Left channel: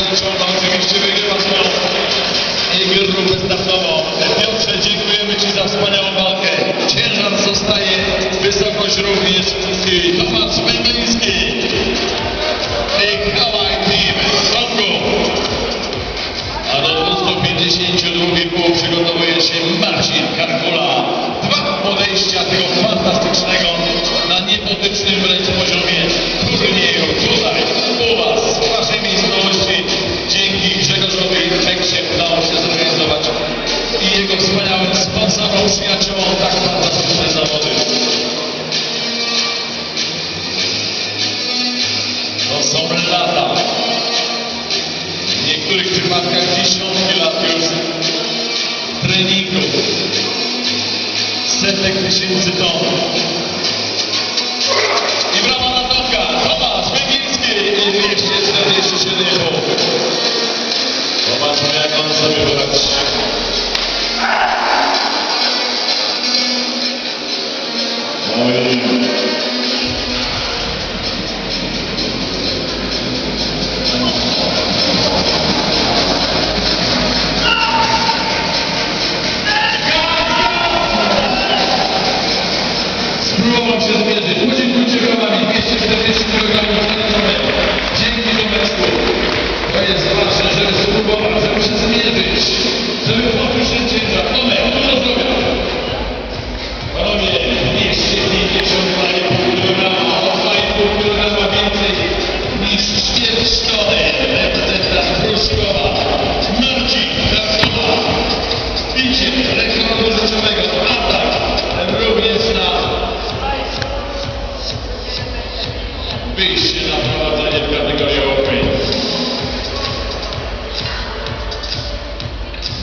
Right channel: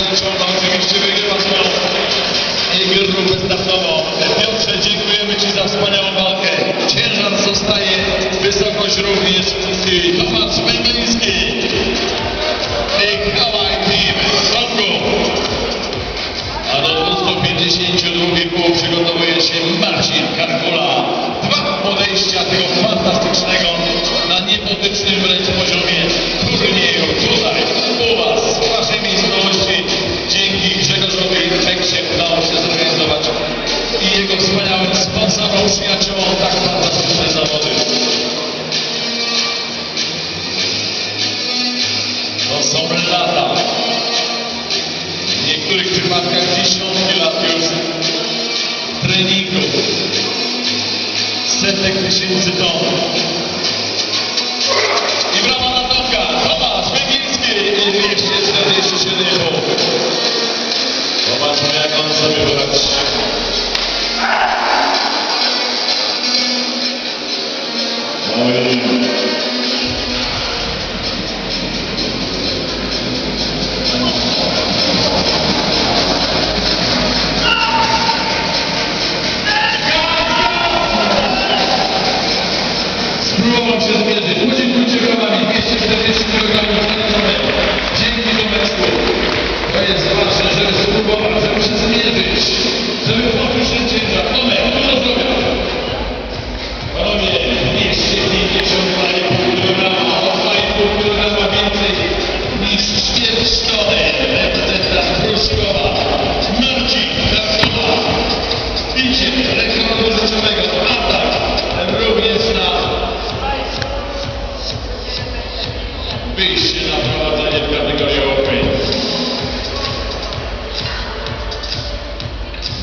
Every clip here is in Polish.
Oczywiście Piotrze, dziękujemy Ci za wspaniałą walkę. Ciężar zostaje wysokość również. Tomasz Węgiel. są lata. W niektórych przypadkach dziesiątki lat już treningów, setek tysięcy ton.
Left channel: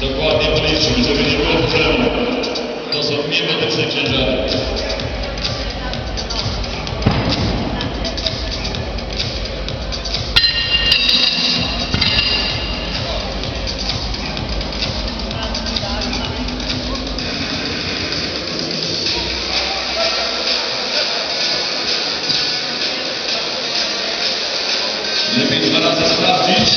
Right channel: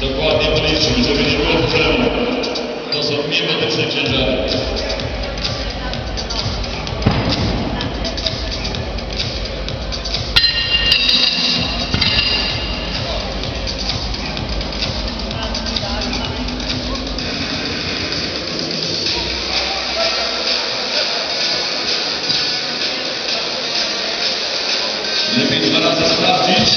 Dokładnie policzymy, żeby nie było problemu. To są niewidoczne ciężary. Lepiej dwa razy sprawdzić.